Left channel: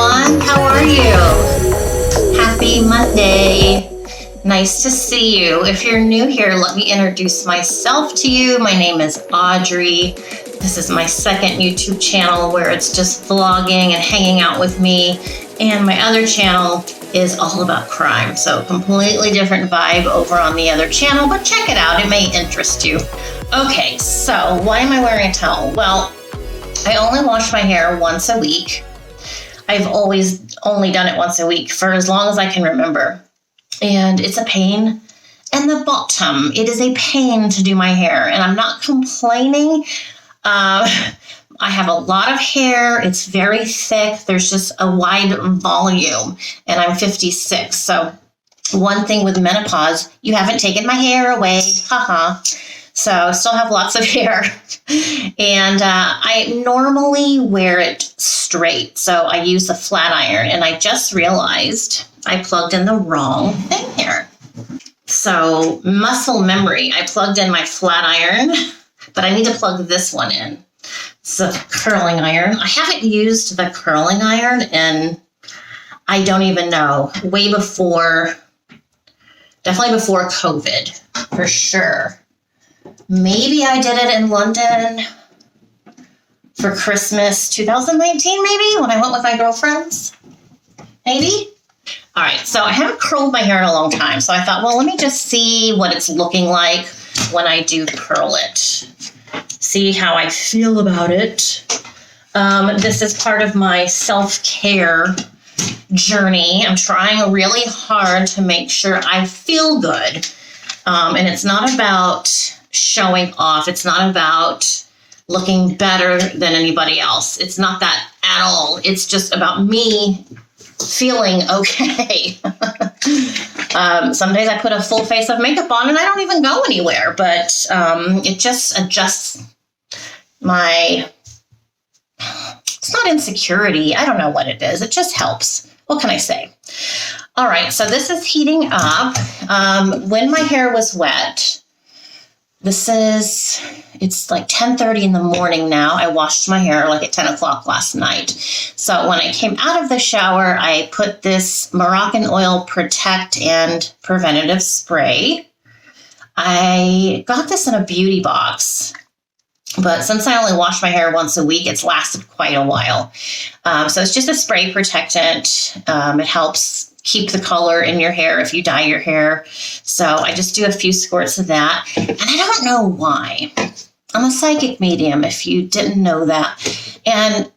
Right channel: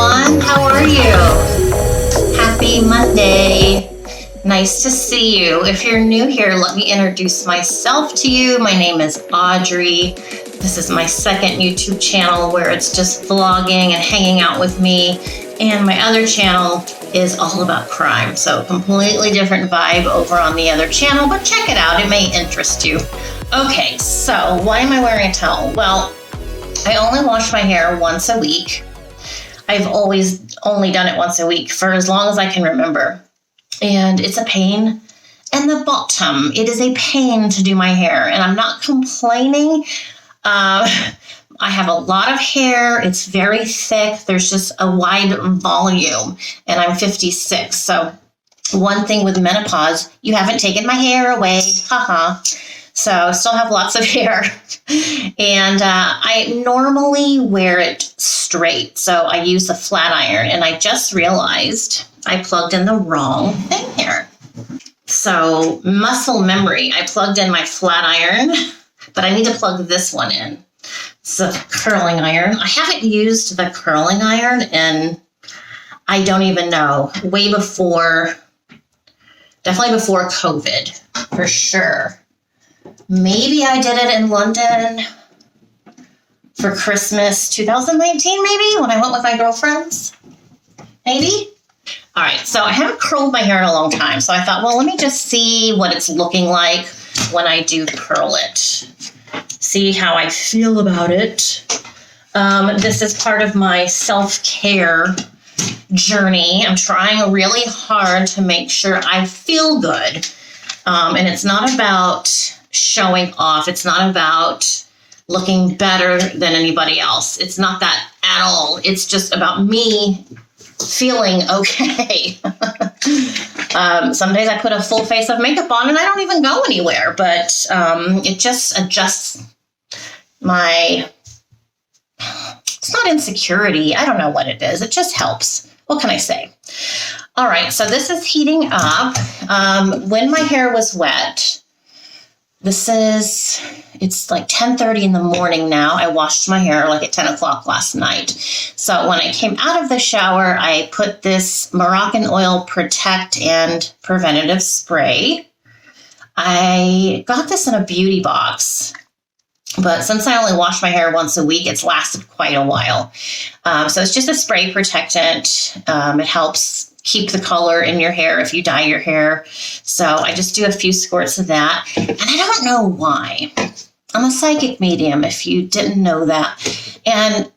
everyone. How are you? Happy Monday. Nice to see you. If you're new here, let me introduce myself to you. My name is Audrey. This is my second YouTube channel where it's just vlogging and hanging out with me. And my other channel is all about crime. So completely different vibe over on the other channel, but check it out. It may interest you. Okay, so why am I wearing a towel? Well, I only wash my hair once a week. I've always only done it once a week for as long as I can remember. And it's a pain in the bottom. It is a pain to do my hair, and I'm not complaining. I have a lot of hair. It's very thick. There's just a wide volume, and I'm 56. So one thing with menopause, you haven't taken my hair away. Haha. So I still have lots of hair. And I normally wear it straight. So I use a flat iron, and I just realized I plugged in the ring. So muscle memory, I plugged in my flat iron, but I need to plug this one in. It's a curling iron. I haven't used the curling iron in, I don't even know, definitely before COVID, for sure. Maybe I did it in London for Christmas 2019, maybe, when I went with my girlfriends. Maybe? All right, so I haven't curled my hair in a long time, so I thought, well, let me just see what it's looking like when I do curl it. See how I feel about it. This is part of my self-care journey. I'm trying really hard to make sure I feel good. And it's not about showing off. It's not about looking better than anybody else. It's not that at all. It's just about me feeling okay. Some days I put a full face of makeup on and I don't even go anywhere, but it just adjusts my, it's not insecurity. I don't know what it is. It just helps. What can I say? All right, so this is heating up. When my hair was wet, it's like 10:30 in the morning now. I washed my hair like at 10 o'clock last night. So when I came out of the shower, I put this Moroccan oil protect and preventative spray. I got this in a beauty box, but since I only wash my hair once a week, it's lasted quite a while. So it's just a spray protectant. It helps keep the color in your hair if you dye your hair. So I just do a few squirts of that. I don't know why. I'm a psychic medium, if you didn't know that. And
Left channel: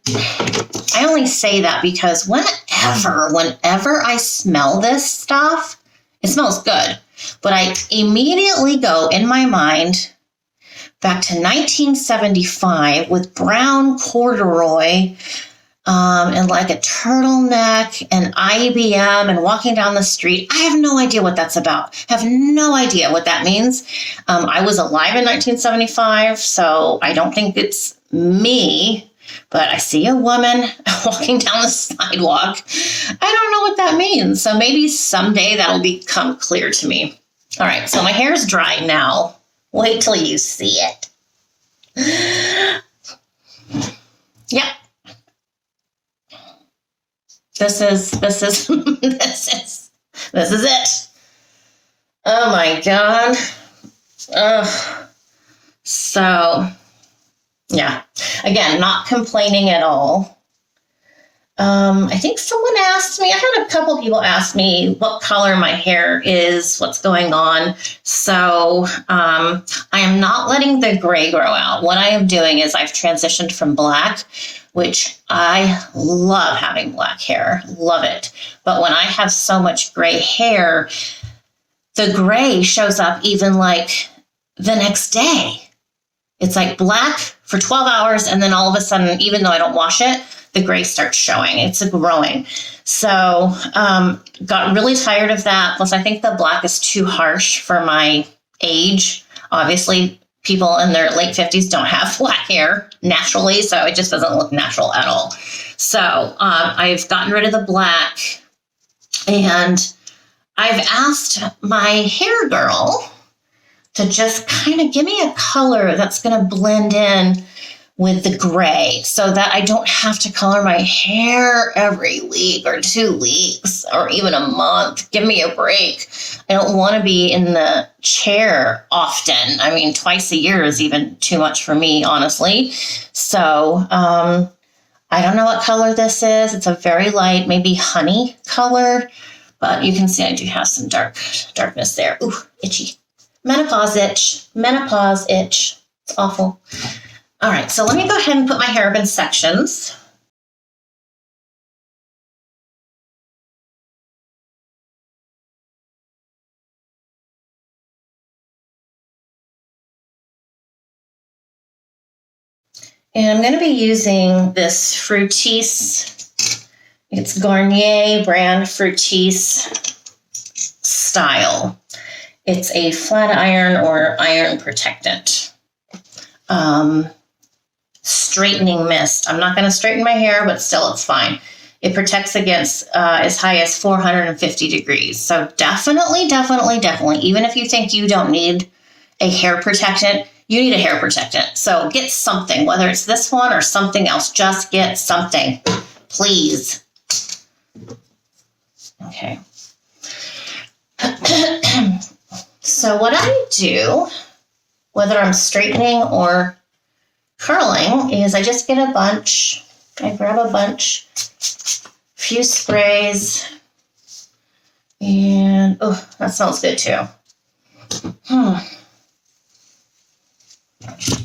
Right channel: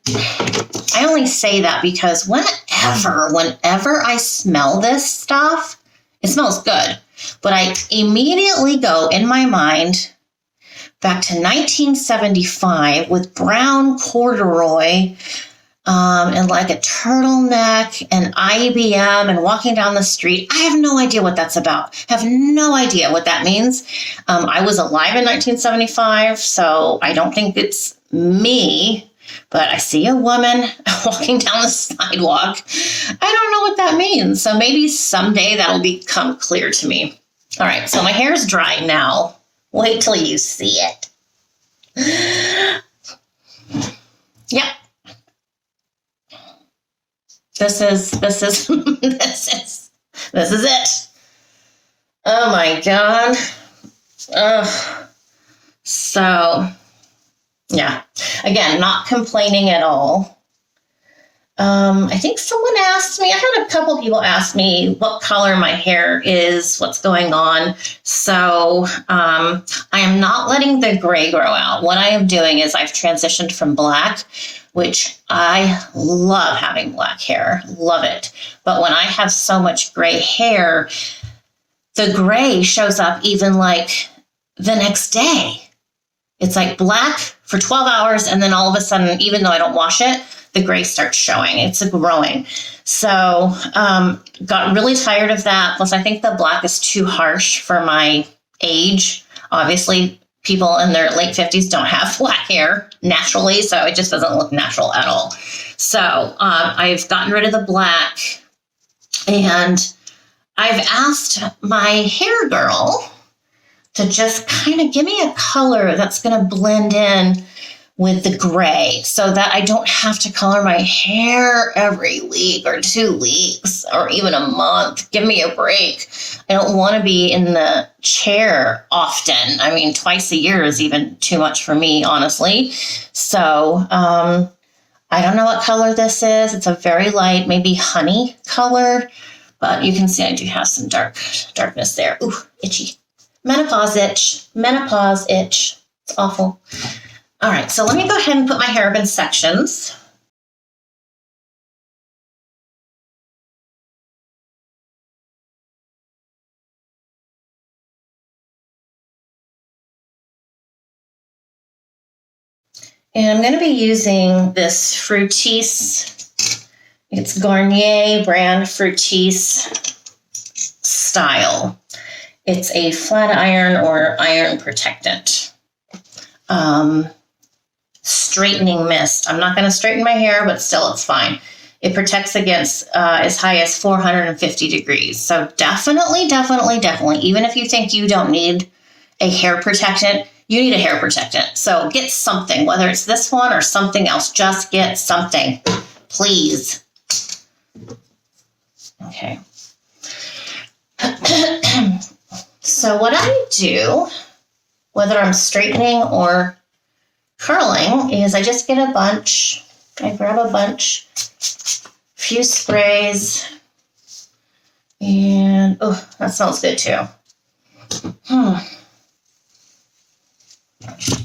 I only say that because whenever I smell this stuff, it smells good. But I immediately go in my mind back to 1975 with brown corduroy, and like a turtleneck and IBM and walking down the street. I have no idea what that's about. I have no idea what that means. I was alive in 1975, so I don't think it's me, but I see a woman walking down the sidewalk. I don't know what that means, so maybe someday that'll become clear to me. All right, so my hair's dry now. Wait till you see it. Yep. This is it. Oh my God. So yeah, again, not complaining at all. I think someone asked me, I had a couple people ask me what color my hair is, what's going on. So I am not letting the gray grow out. What I am doing is I've transitioned from black, which I love having black hair, love it. But when I have so much gray hair, the gray shows up even like the next day. It's like black for 12 hours, and then all of a sudden, even though I don't wash it, the gray starts showing. It's growing. So got really tired of that. Plus, I think the black is too harsh for my age. Obviously, people in their late 50s don't have black hair naturally, so it just doesn't look natural at all. So I've gotten rid of the black, and I've asked my hair girl to just kind of give me a color that's going to blend in with the gray so that I don't have to color my hair every week or 2 weeks, or even a month. Give me a break. I don't want to be in the chair often. I mean, twice a year is even too much for me, honestly. So, I don't know what color this is. It's a very light, maybe honey color, but you can see I do have some darkness there. Ooh, itchy. Menopause itch. Menopause itch. It's awful. All right, so let me go ahead and put my hair up in sections. And I'm going to be using this Fructis. It's Garnier brand Fructis style. It's a flat iron or iron protectant. Straightening mist. I'm not going to straighten my hair, but still it's fine. It protects against as high as 450 degrees. So definitely, even if you think you don't need a hair protectant, you need a hair protectant. So get something, whether it's this one or something else, just get something, please. Okay. So what I do, whether I'm straightening or curling, is I just get a bunch. I grab a bunch, a few sprays, and oh, that smells good too.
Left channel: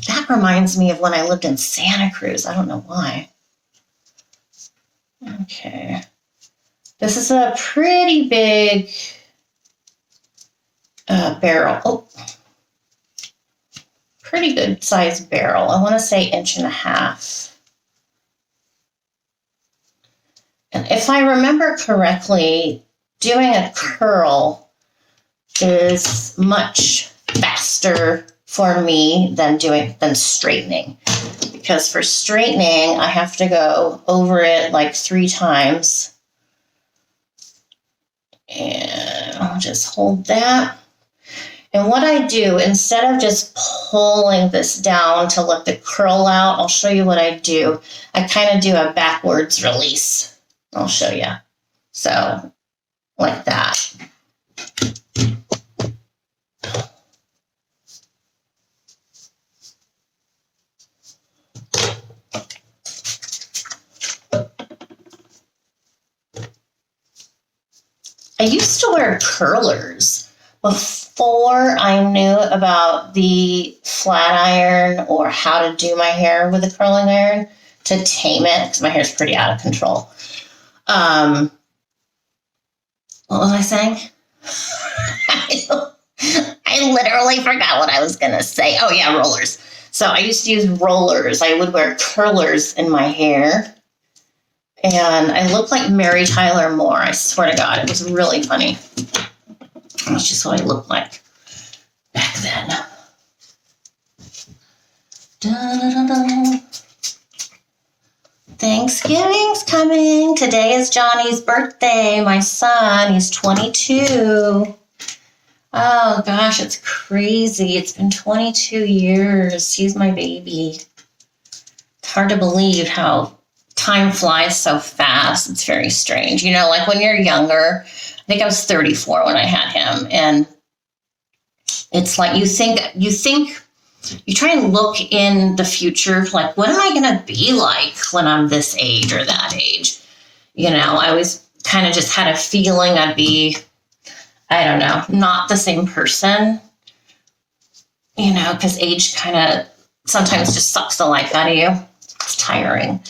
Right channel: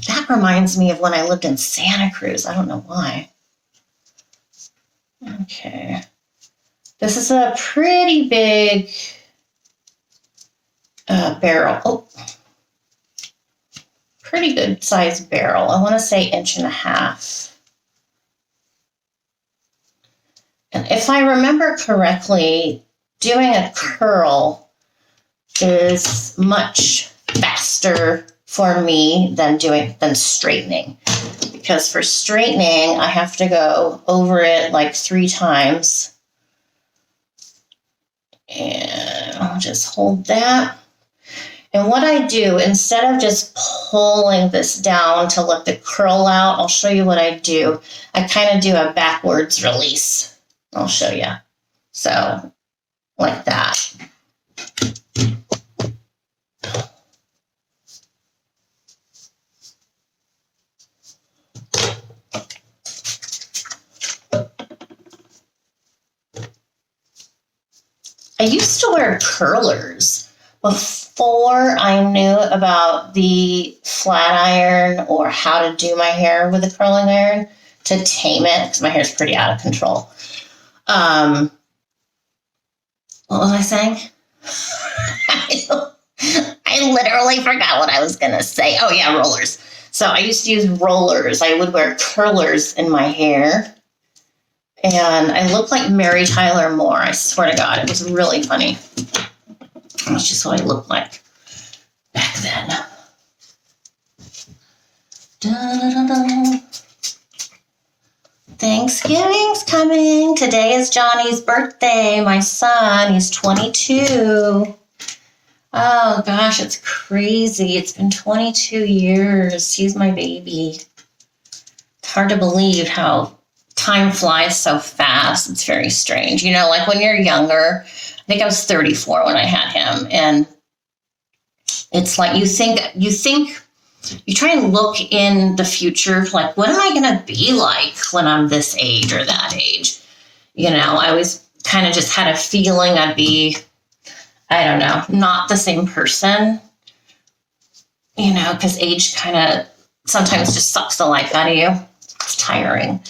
That reminds me of when I lived in Santa Cruz. I don't know why. Okay. This is a pretty big barrel. Oh, pretty good sized barrel. I want to say 1.5 inches. And if I remember correctly, doing a curl is much faster for me than straightening. Because for straightening, I have to go over it like 3 times. And I'll just hold that. And what I do, instead of just pulling this down to let the curl out, I'll show you what I do. I kind of do a backwards release. I'll show you. So, like that. I used to wear curlers before I knew about the flat iron or how to do my hair with a curling iron to tame it, because my hair's pretty out of control. What was I saying? I literally forgot what I was going to say. Oh, yeah, rollers. So I used to use rollers. I would wear curlers in my hair. And I looked like Mary Tyler Moore. I swear to God, it was really funny. That's just what I looked like back then. Da-da-da-da. Thanksgiving's coming. Today is Johnny's birthday. My son, he's 22. Oh, gosh, it's crazy. It's been 22 years. He's my baby. It's hard to believe how time flies so fast. It's very strange. You know, like when you're younger, I think I was 34 when I had him, and it's like you try and look in the future, like, what am I going to be like when I'm this age or that age? You know, I always kind of just had a feeling I'd be, I don't know, not the same person, you know, because age kind of sometimes just sucks the life out of you. It's tiring.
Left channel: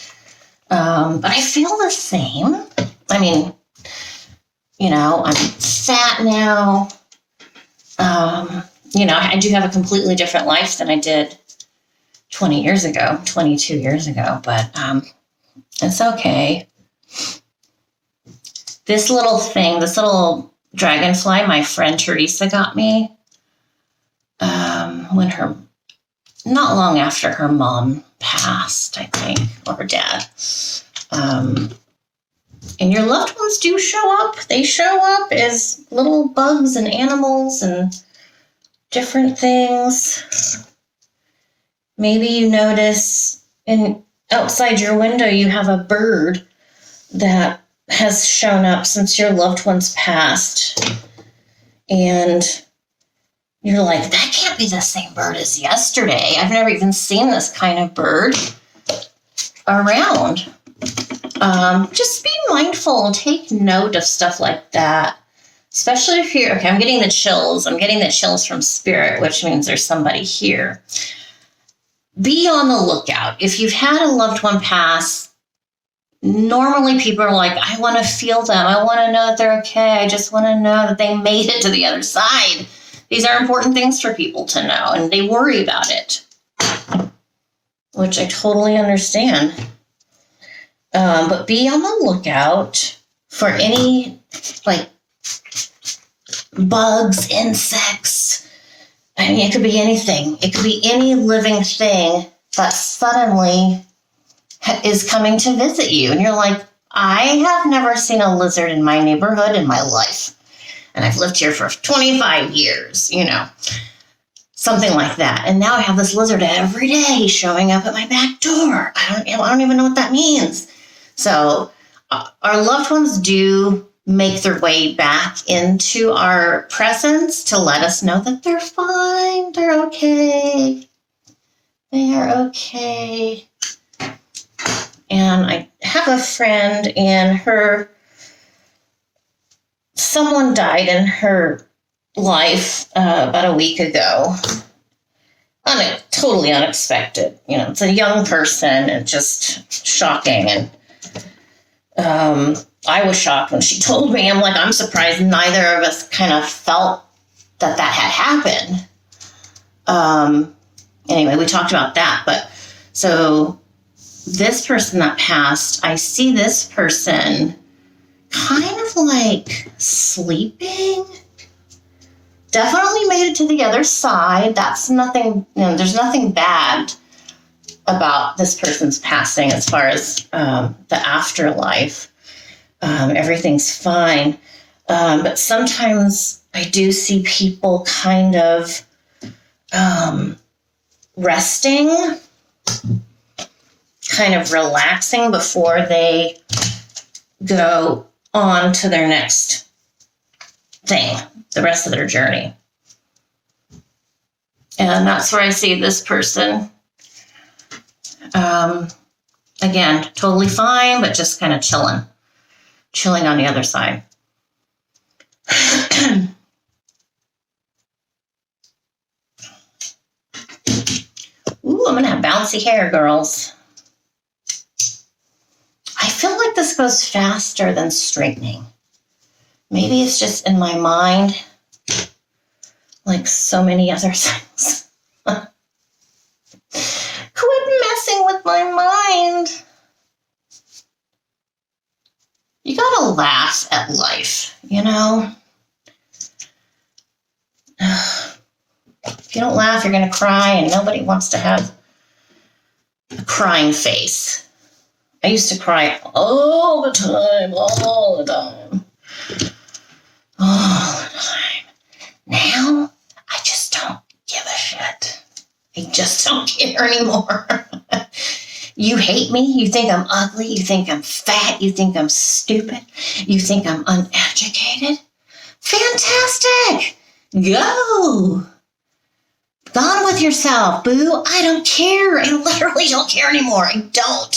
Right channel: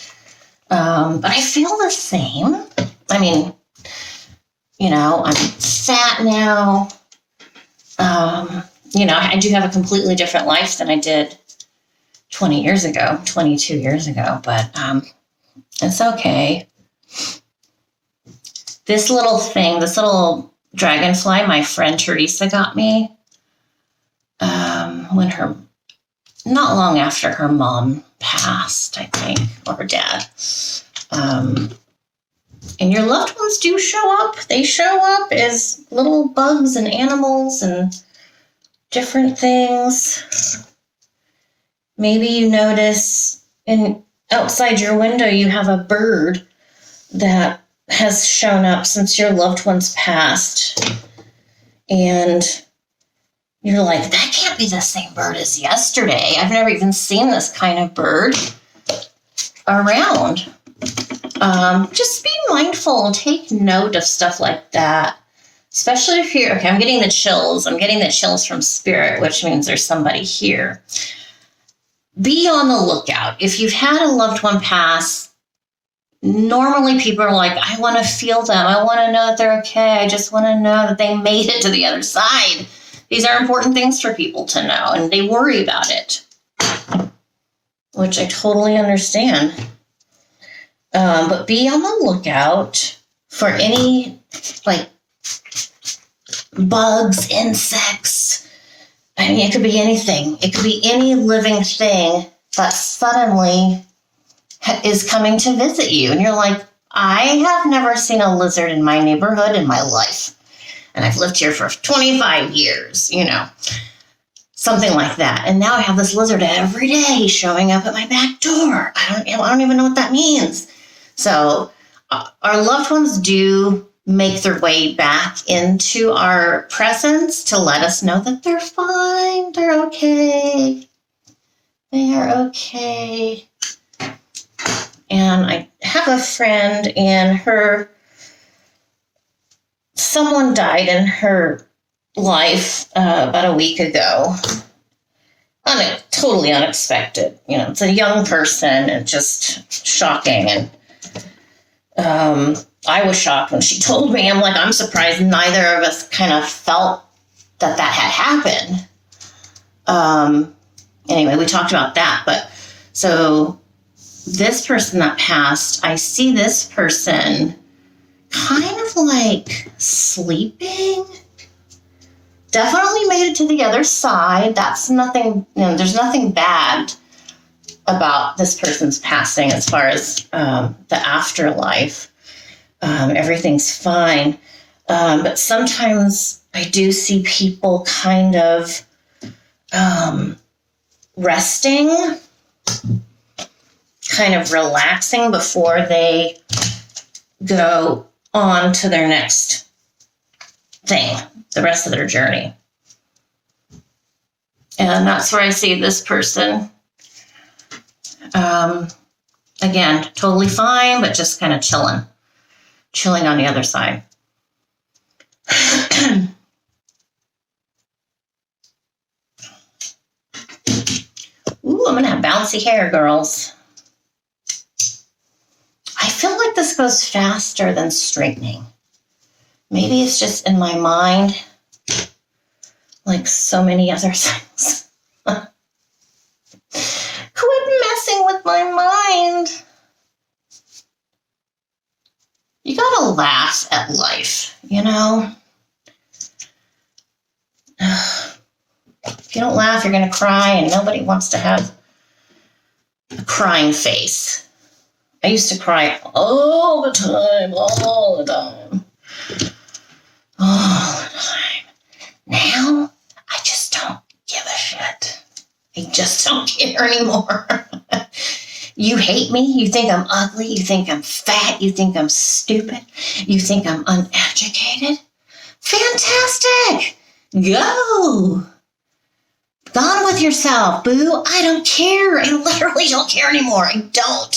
But I feel the same. I mean, you know, I'm fat now. You know, I do have a completely different life than I did 20 years ago, 22 years ago, but it's okay. This little thing, this little dragonfly, my friend Teresa got me not long after her mom passed, I think, or her dad. And your loved ones do show up. They show up as little bugs and animals and different things. Maybe you notice And outside your window, you have a bird that has shown up since your loved one's passed. And you're like, that can't be the same bird as yesterday. I've never even seen this kind of bird around. Just be mindful and take note of stuff like that. Especially if you're, okay, I'm getting the chills. I'm getting the chills from spirit, which means there's somebody here. Be on the lookout. If you've had a loved one pass, normally people are like, I want to feel them. I want to know that they're okay. I just want to know that they made it to the other side. These are important things for people to know, and they worry about it, which I totally understand. But be on the lookout for any, like, bugs, insects. I mean, it could be anything. It could be any living thing that suddenly is coming to visit you. And you're like, I have never seen a lizard in my neighborhood in my life. And I've lived here for 25 years, something like that. And now I have this lizard every day showing up at my back door. I don't even know what that means. So our loved ones do make their way back into our presence to let us know that they're fine, they're okay, they're okay. And I have a friend, and someone died in her life about a week ago. Totally unexpected. It's a young person, and just shocking. And I was shocked when she told me. I'm like, I'm surprised neither of us kind of felt that had happened. Anyway, we talked about that. But so this person that passed, I see this person kind of like sleeping. Definitely made it to the other side. That's nothing, there's nothing bad about this person's passing as far as the afterlife. Everything's fine. But sometimes I do see people kind of resting, kind of relaxing before they go on to their next thing, the rest of their journey. And that's where I see this person. Again, totally fine, but just kind of chilling on the other side. Ooh, I'm going to have bouncy hair, girls. I feel like this goes faster than straightening. Maybe it's just in my mind, like so many other things. Quit messing with my mind. You gotta laugh at life, If you don't laugh, you're gonna cry, and nobody wants to have a crying face. I used to cry all the time. Now, I just don't give a shit. I just don't care anymore. You hate me? You think I'm ugly? You think I'm fat? You think I'm stupid? You think I'm uneducated? Fantastic! Go! Gone with yourself, boo. I don't care. I literally don't care anymore. I don't.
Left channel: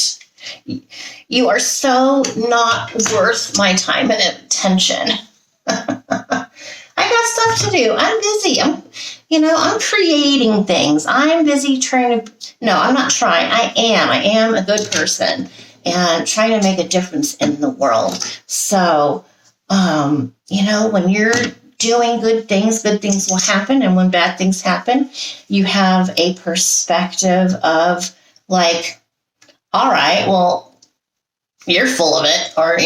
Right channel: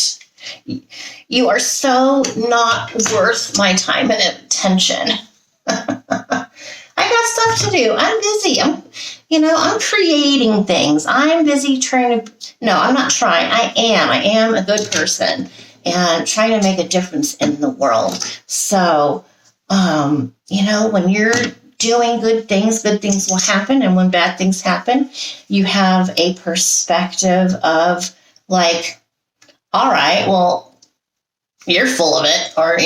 You are so not worth my time and attention. I got stuff to do. I'm busy. I'm creating things. I'm busy trying to... No, I'm not trying. I am a good person. And I'm trying to make a difference in the world. So, when you're doing good things will happen. And when bad things happen, you have a perspective of, like, all right, well, you're full of it. Or,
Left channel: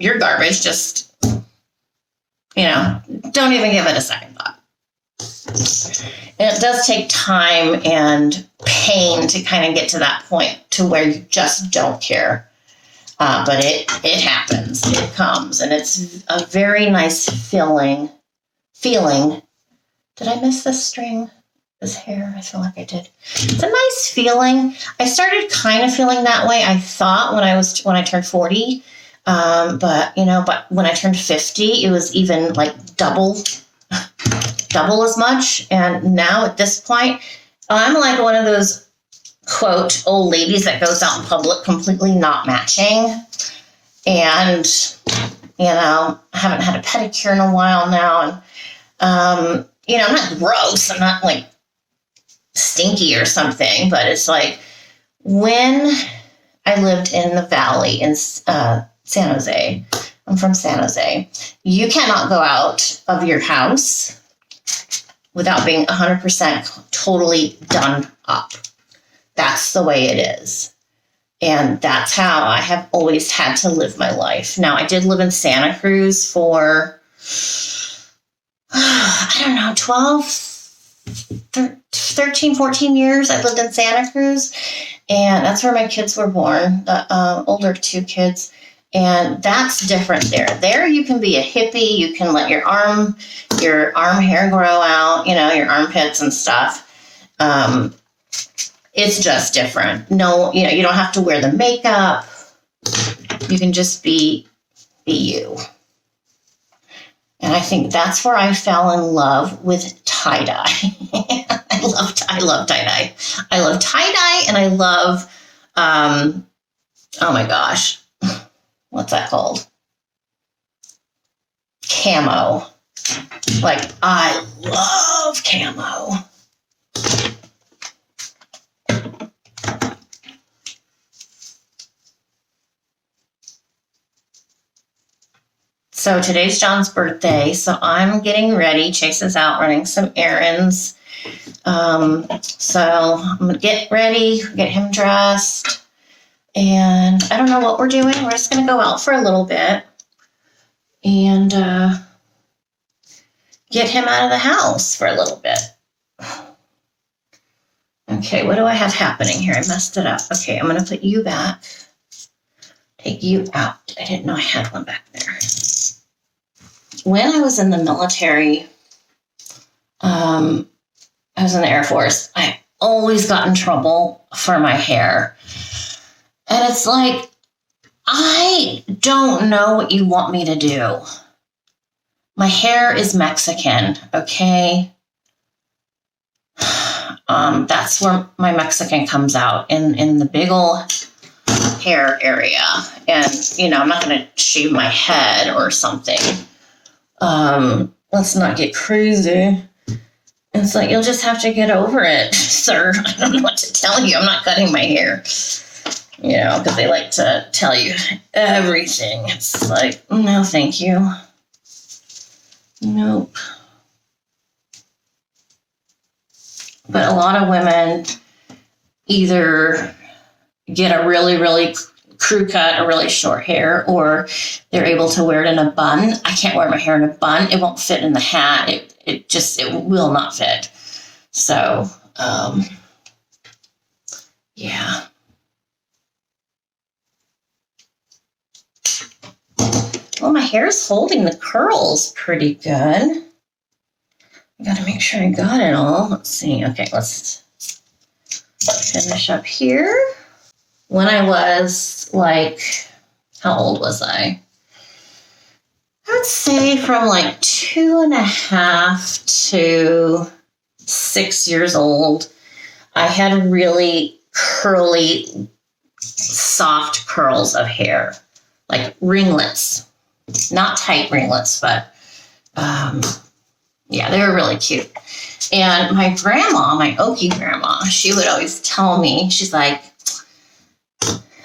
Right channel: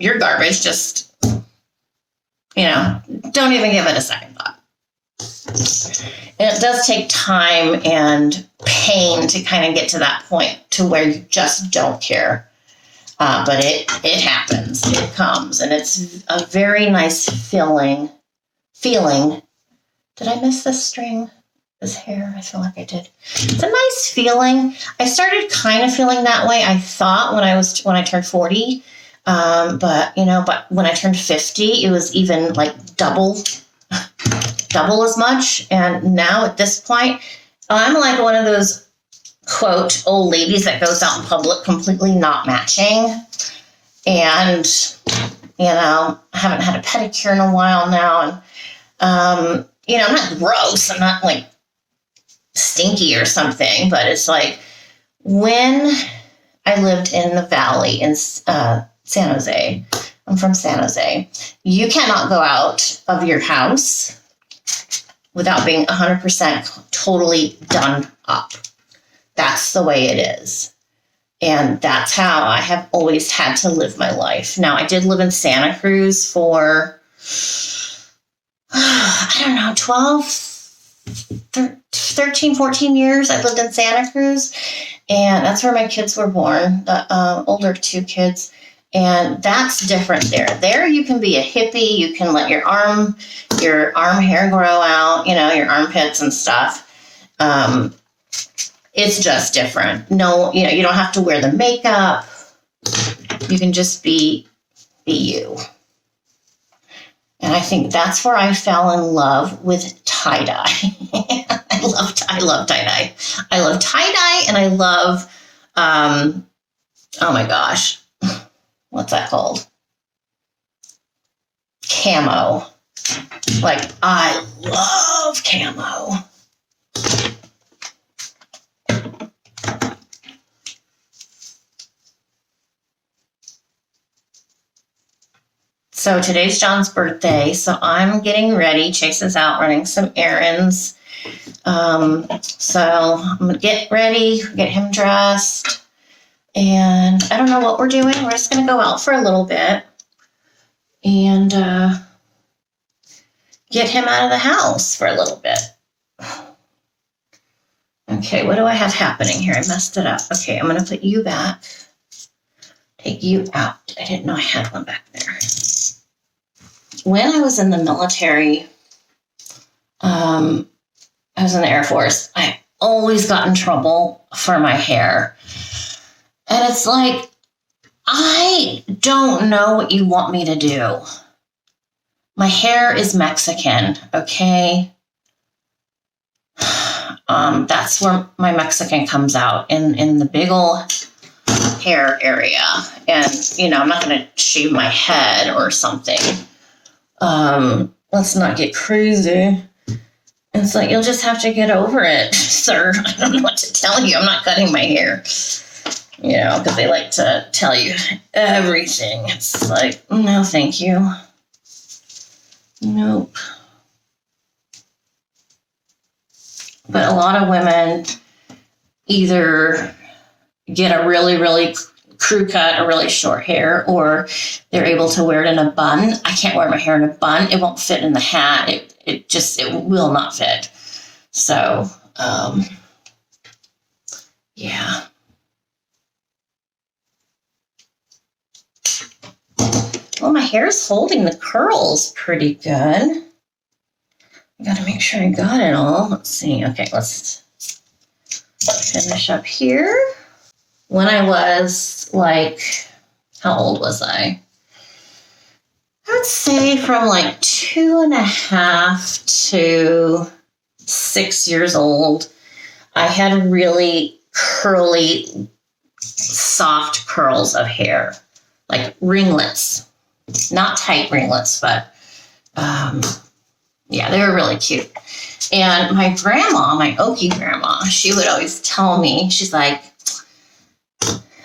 you're garbage. Just... don't even give it a second thought. And it does take time and pain to kind of get to that point to where you just don't care. But it happens, it comes, and it's a very nice feeling. Did I miss this string? this hair. I feel like I did. It's a nice feeling. I started kind of feeling that way, I thought, when I turned 40. But when I turned 50, it was even like double as much. And now at this point, I'm like one of those quote old ladies that goes out in public completely not matching. And, I haven't had a pedicure in a while now. And, I'm not gross. I'm not like stinky or something, but it's like when I lived in the valley in San Jose. I'm from San Jose. You cannot go out of your house without being 100% totally done up. That's the way it is. And that's how I have always had to live my life. Now, I did live in Santa Cruz for, 13, 14 years. I lived in Santa Cruz. And that's where my kids were born, the older two kids. And that's different there. There you can be a hippie. You can let your arm hair grow out, your armpits and stuff. It's just different. No, you don't have to wear the makeup. You can just be you. And I think that's where I fell in love with tie-dye. I love tie-dye. I love tie-dye and I love, oh my gosh, what's that called? Camo. Like, I love camo. So today's John's birthday, so I'm getting ready. Chase is out running some errands. So I'm going to get ready, get him dressed, and I don't know what we're doing. We're just going to go out for a little bit and get him out of the house for a little bit. Okay, what do I have happening here? I messed it up. Okay, I'm going to put you back. Take you out. I didn't know I had one back there. When I was in the military, I was in the Air Force, I always got in trouble for my hair. And it's like, I don't know what you want me to do. My hair is Mexican, okay? That's where my Mexican comes out, in the big old hair area. And, I'm not going to shave my head or something. Let's not get crazy. And so you'll just have to get over it. So I don't know what to tell you. I'm not cutting my hair. Because they like to tell you everything. It's like, no, thank you. Nope. But a lot of women either get a really, really crew cut or really short hair, or they're able to wear it in a bun. I can't wear my hair in a bun. It won't fit in the hat. It will not fit. So, yeah. Well, my hair is holding the curls pretty good. I gotta make sure I got it all. Let's see. Okay, let's finish up here. When I was like, how old was I? I would say from like 2.5 to 6 years old, I had really curly, soft curls of hair, like ringlets. Not tight ringlets, but yeah, they were really cute. And my grandma, my Okie grandma, she would always tell me, she's like,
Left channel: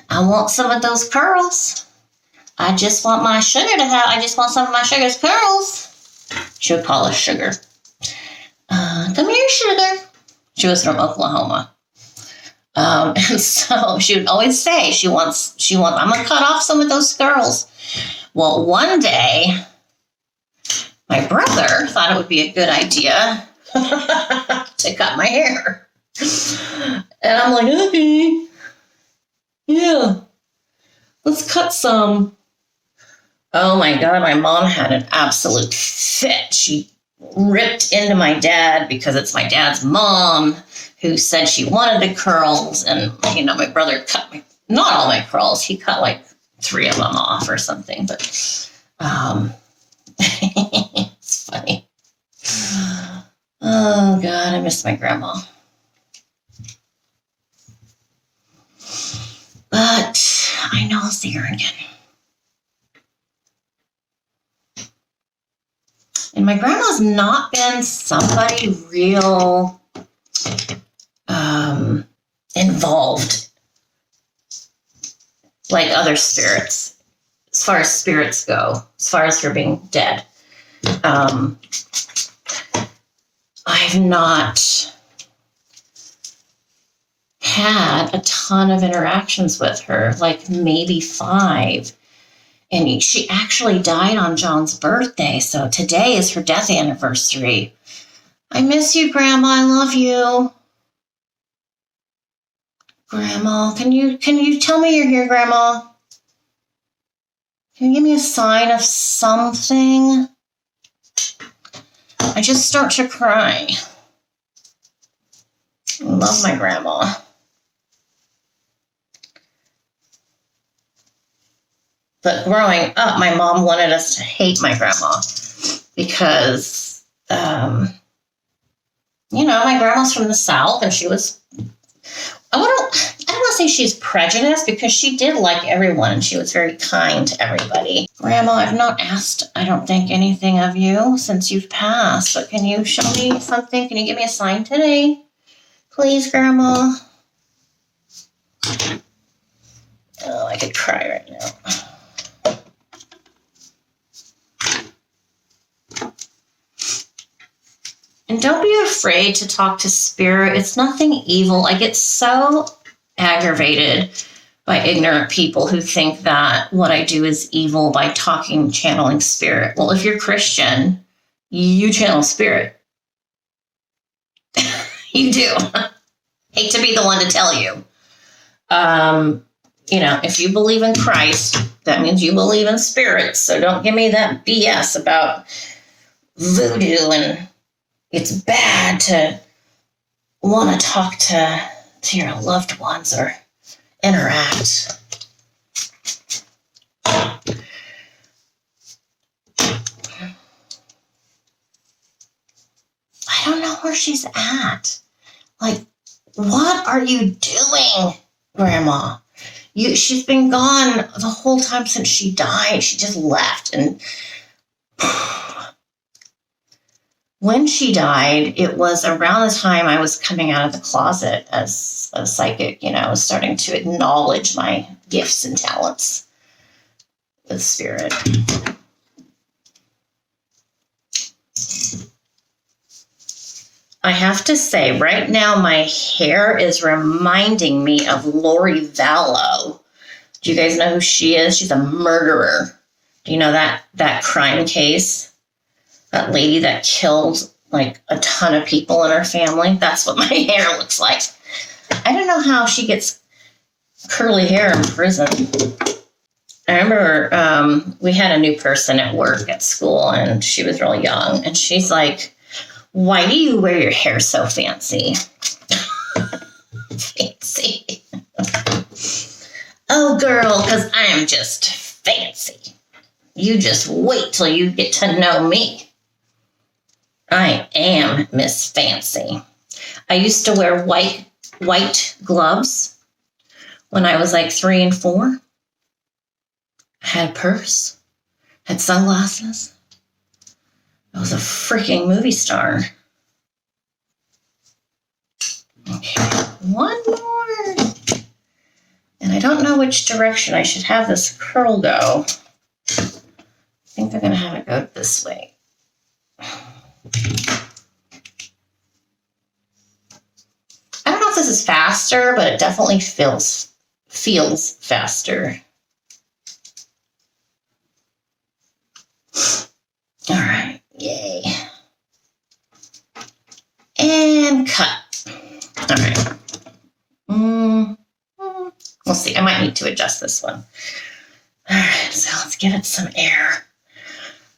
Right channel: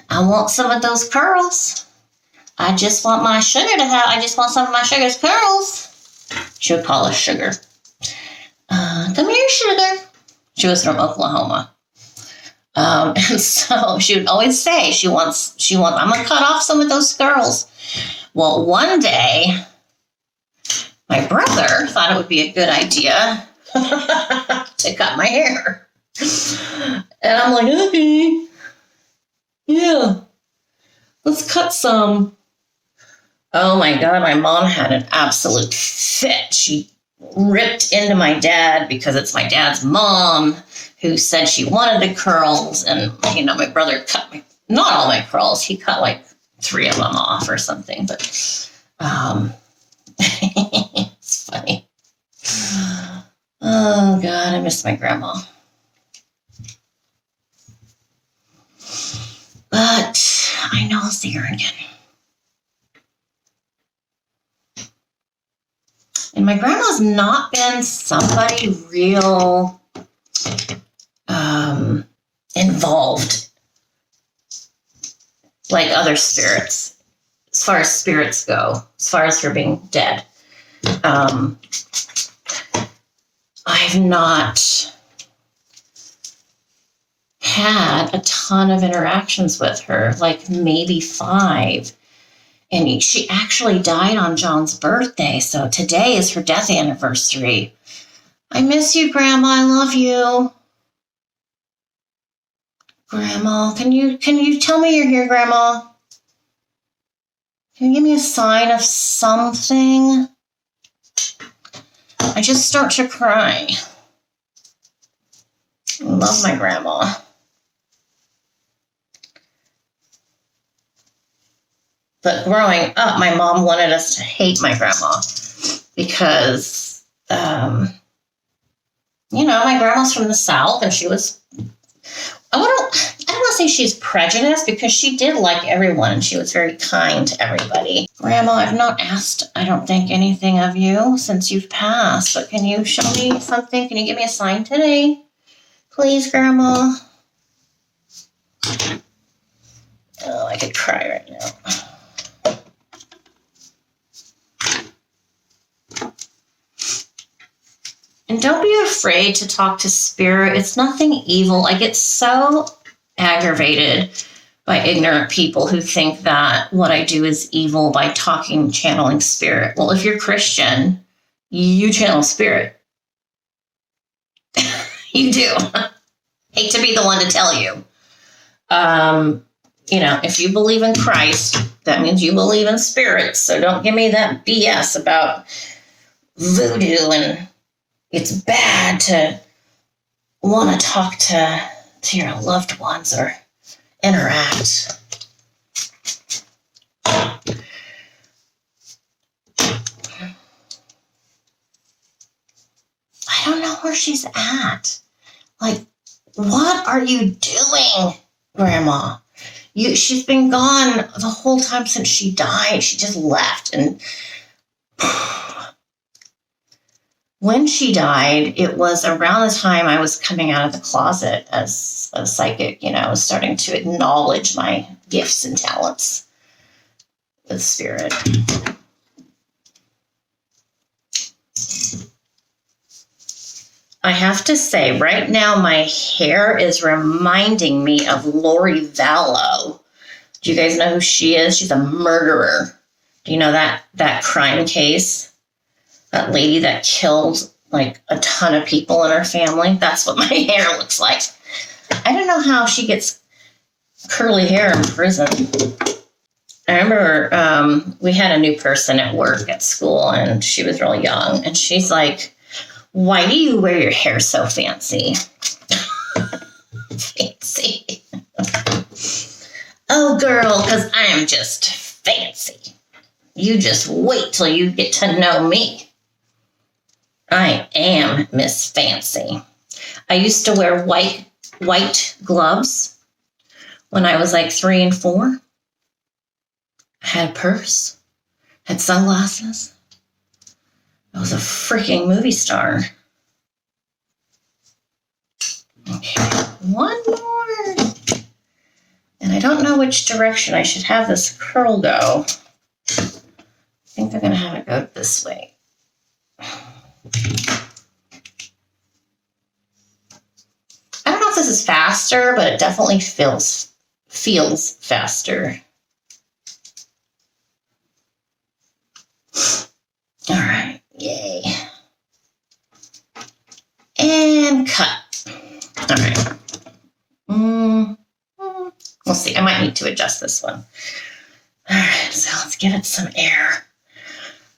I want some of those curls. I just want some of my sugar's curls. She would call us sugar. Come here, sugar. She was from Oklahoma. So she would always say she wants, I'm going to cut off some of those curls. Well, one day, my brother thought it would be a good idea to cut my hair. And I'm like, okay, yeah, let's cut some. Oh my God, my mom had an absolute fit. She ripped into my dad because it's my dad's mom who said she wanted the curls. And, you know, my brother cut not all my curls. He cut like 3 of them off or something. But it's funny. Oh, God, I miss my grandma. But I know I'll see her again. And my grandma's not been somebody real involved like other spirits, as far as spirits go, as far as her being dead. I've not had a ton of interactions with her, like maybe 5. And she actually died on John's birthday, so today is her death anniversary. I miss you, Grandma. I love you. Grandma, can you tell me you're here, Grandma? Can you give me a sign of something? I just start to cry. I love my grandma. But growing up, my mom wanted us to hate my grandma because, you know, my grandma's from the South, and she was, I don't want to say she's prejudiced, because she did like everyone, and she was very kind to everybody. Grandma, I've not asked, I don't think, anything of you since you've passed. But can you show me something? Can you give me a sign today? Please, Grandma. Oh, I could cry right now. And don't be afraid to talk to spirit. It's nothing evil. I get so aggravated by ignorant people who think that what I do is evil by channeling spirit. Well, if you're Christian, you channel spirit. You do. Hate to be the one to tell you. You know, if you believe in Christ, that means you believe in spirits. So don't give me that BS about voodoo, and it's bad to want to talk to your loved ones or interact. I don't know where she's at. Like, what are you doing, Grandma? She's been gone the whole time since she died. She just left. And when she died, it was around the time I was coming out of the closet as a psychic. You know, I was starting to acknowledge my gifts and talents with spirit. I have to say, right now, my hair is reminding me of Lori Vallow. Do you guys know who she is? She's a murderer. Do you know that crime case? That lady that killed like a ton of people in her family? That's what my hair looks like. I don't know how she gets curly hair in prison. I remember we had a new person at work at school, and she was really young, and she's like, "Why do you wear your hair so fancy?" Fancy. Oh, girl, because I am just fancy. You just wait till you get to know me. I am Miss Fancy. I used to wear white gloves when I was like 3 and 4. I had a purse, had sunglasses. I was a freaking movie star. Okay, one more. And I don't know which direction I should have this curl go. I think I'm going to have it go this way. I don't know if this is faster, but it definitely feels faster. All right, yay. And cut. All right. Let's see, I might need to adjust this one. All right, so let's give it some air.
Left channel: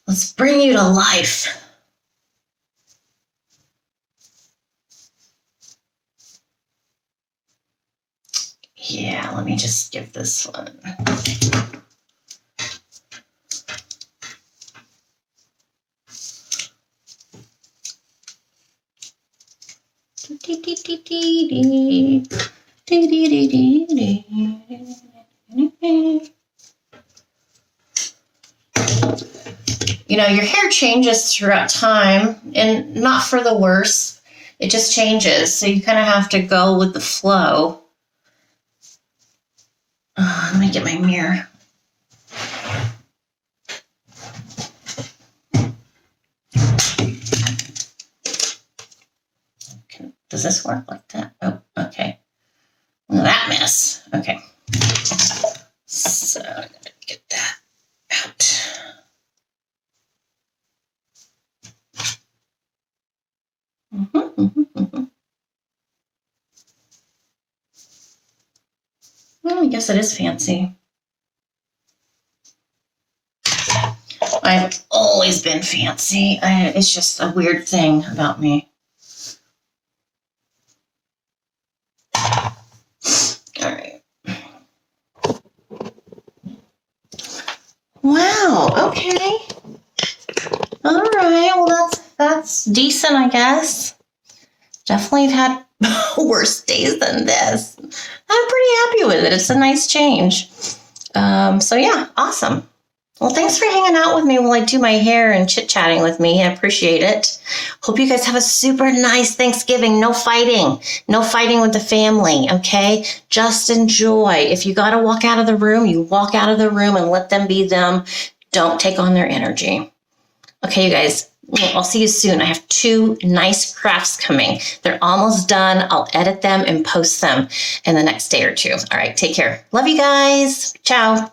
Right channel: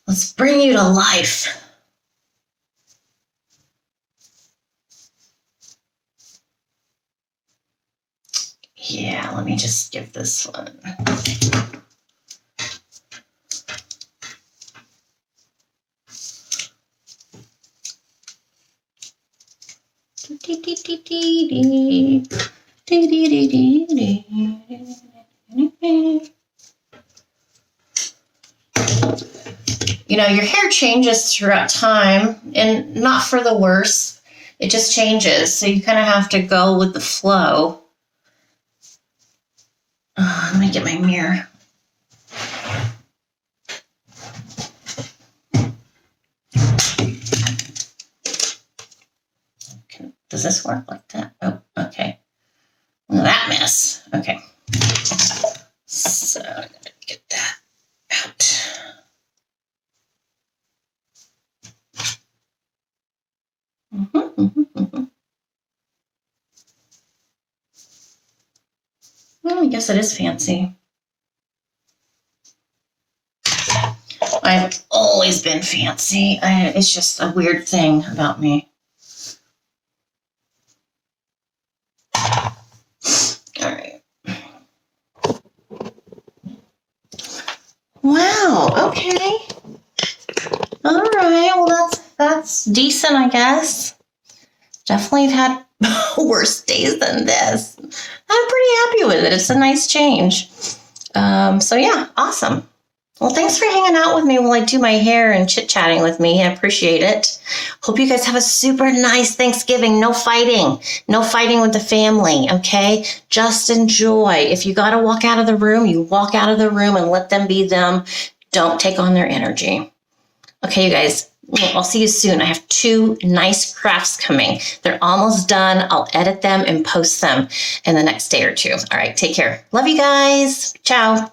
Let's bring the life. You know, your hair changes throughout time, and not for the worse. It just changes, so you kind of have to go with the flow. Well, I guess it is fancy. I've always been fancy. It's just a weird thing about me. All right. Wow. Okay. All right. Well, that's decent, I guess. Definitely have had worse days than this. I'm pretty happy with it. It's a nice change. So yeah, awesome. Well, thanks for hanging out with me while I do my hair and chit-chatting with me. I appreciate it. Hope you guys have a super nice Thanksgiving. No fighting. No fighting with the family, okay? Just enjoy. If you got to walk out of the room, you walk out of the room and let them be them. Don't take on their energy. Okay, you guys. I'll see you soon. I have 2 nice crafts coming. They're almost done. I'll edit them and post them in the next day or 2. All right, take care. Love you guys. Ciao.